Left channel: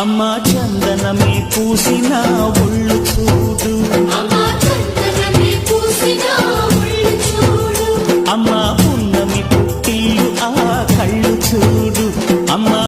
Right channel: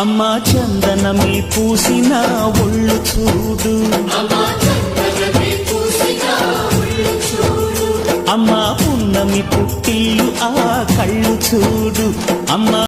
అమ్మా చందనమే పూసిన ఒళ్ళు చూడు, అమ్మా పున్నమి పుట్టిల్లు ఆ కళ్ళు చూడు, అమ్మ